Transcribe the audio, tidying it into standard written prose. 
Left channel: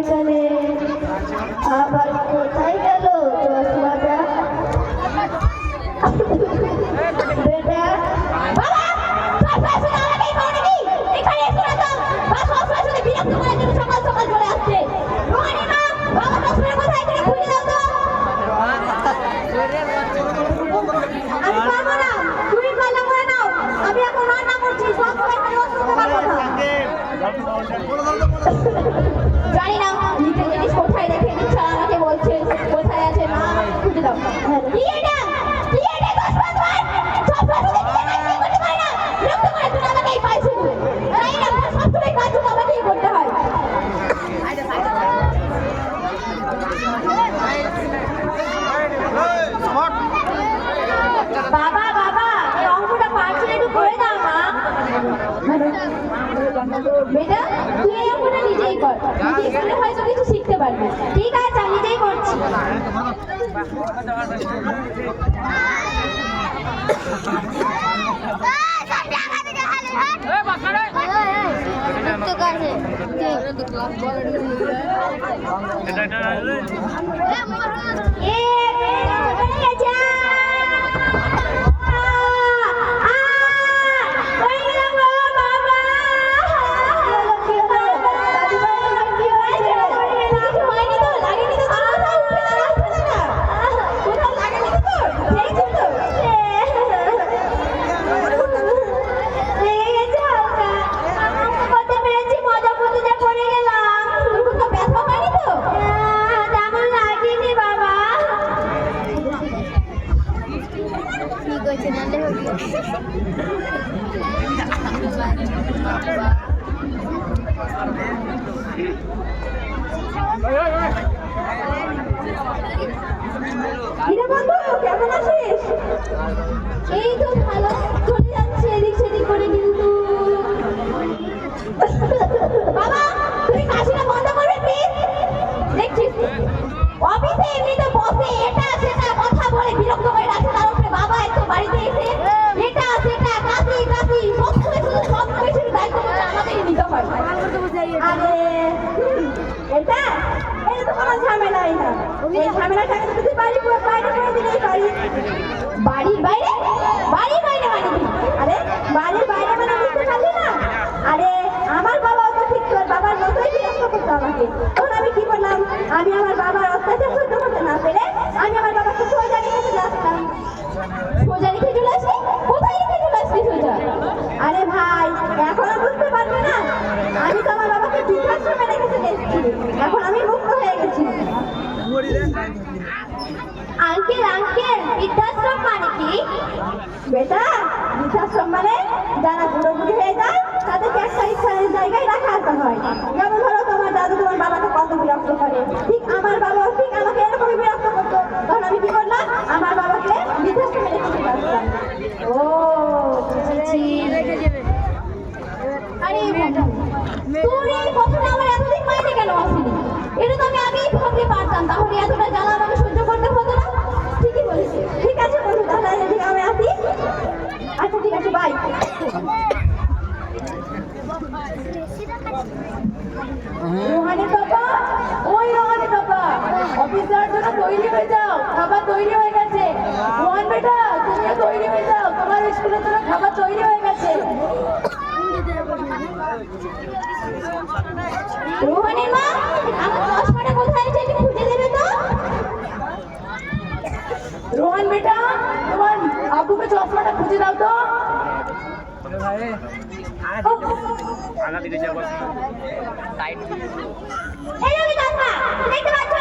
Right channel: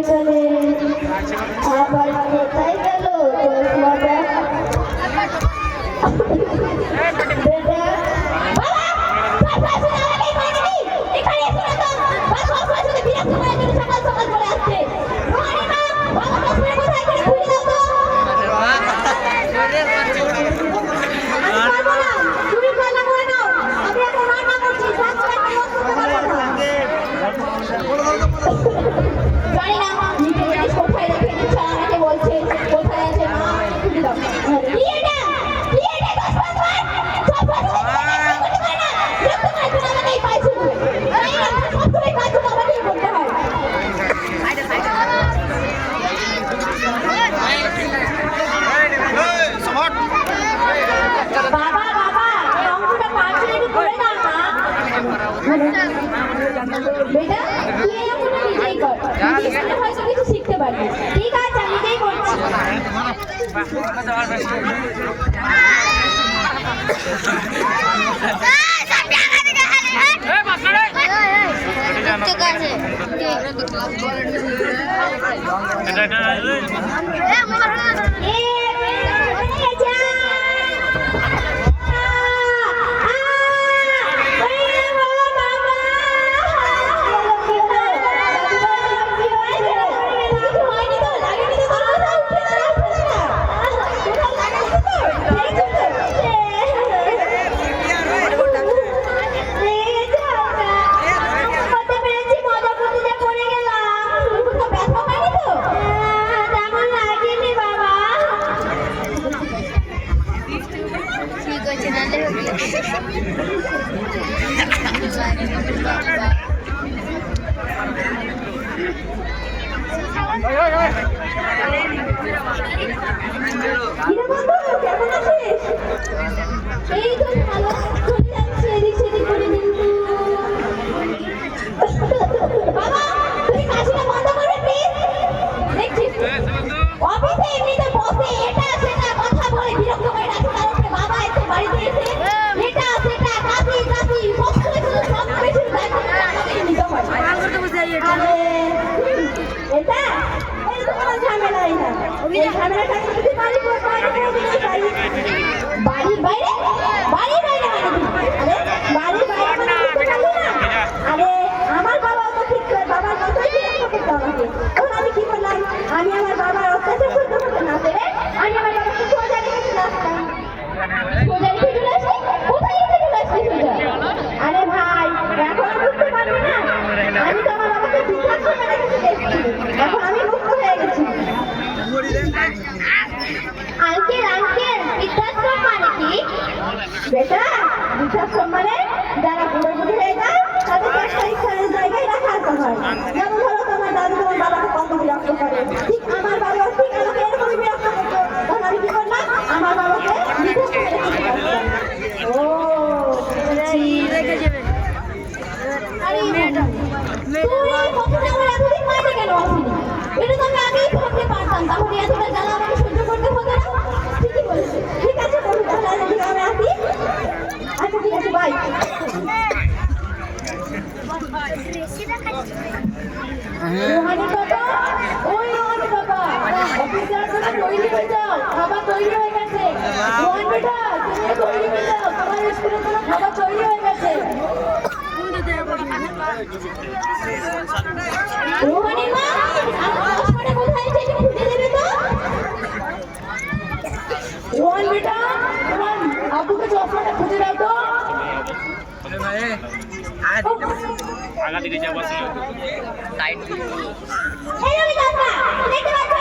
এখানে আবার কোথায় গেল চশমাটা? বেটা জানি না নিজের জিনিস কোথায় রেখে দিচ্ছে, আমাকে বলছে কোথায় আছে মা খুঁজে দাও। কি এটা কি এটা বাবা বাবা এই অঙ্কটা পারছি একটু করে দাও না। বেটা তুই এই অঙ্কটা নিজেই কর, নিজেই করলে হয়তো কিছু শিখতে পারবি। ঠিক আছে আমি নিজেই করছি। কেমন আছিস? এই তো ভালো চলে যাচ্ছে এদিক সেদিক করে। কিন্তু বাবা তুমি কাশিটা বন্ধ করবে প্লিজ। দেখছিস অফিসে এমনিতে বসে এটা সেটা কথা বলে বিরক্ত করে রাখে, তার উপরে বাবা এসে বাড়িতে এসে এটা সেটা কাশি কাশি সব সময় শুধু সব কিছু দায়িত্ব আমাদেরই নিতে হয়। এটা এই তো কোনো ঝামেলা না, এই ঝামেলাটা যদি বাড়ি পুরো বাইরে করে দিলে বাড়ির বাইরে বাড়ির বাইরে আরে বাড়ির বাইরে মানে বুঝতে পারলি না? আরে আমার বাবা তো ঠিক করে বাবার মতোই বিরক্ত করতো আমাকে। তখন আমি কি করলাম, আমি আমার বাবার অত্যাচার করতে করতে না পেরে আমি আমার বাবাকে সোজা রেখে চলে আসতাম। সোজা রেখে চলে আসি? কোথায় রেখে চলে আসবি সোজা? আরে ভাই এখন বুঝতে পারবি না, আমি তো আমার বাবাকে বৃদ্ধাশ্রমে রেখে চলে এসেছি, এখন আমি মুক্ত হয়ে গেছি। আঙ্কেল আঙ্কেল বৃদ্ধাশ্রম মানে কি? বেটা বৃদ্ধাশ্রম মানে যারা বুড়ো বুড়ি হয়ে যায় তাদের একটা ইচ্ছার জায়গায় রাখা হয়। যেমন ধরো তোমার দাদু তোমার বাবাকে কত বিরক্ত করে, ঠিক আমার বাবা ঠিক আমাকে এরকমই বিরক্ত করতো। তখন আমি কি করলাম, আমার বাবাকে বৃদ্ধাশ্রমে রেখে দিলাম। ও রেখে যাবে। আরে মেয়েটা তুই কখন আমার এতদিন মাইনে কেন আসিনি? এটা তো আমি আগেই ভাবতে পারতাম, তাহলে এতটা জ্বালা আমাকে সহ্য করতে হতো না। ঠিকই বলেছে। ঠিক আছে তাহলে আমি আসি। আচ্ছা ঠিক আছে বাই। রোহানি বাবা ওই রোহানি বাবা অফিস যাওয়ার জন্য তৈরি হয়ে যাও, খাবার তৈরি হয়ে গেছে। রোহান বেটা তুমিও তৈরি হয়ে যাও, তোমার স্কুলের জন্য খাবার তৈরি হয়ে গেছে। রোহানি মা আমার চশমাটা কোথায় আছে একটু খুঁজে দেবে তো? রোহান বেটা তোমার আব্বুকে চশমাটা খুঁজে দাও তো। আগা দিকে যাবো সাইড এই চশমা দেখতে পাচ্ছ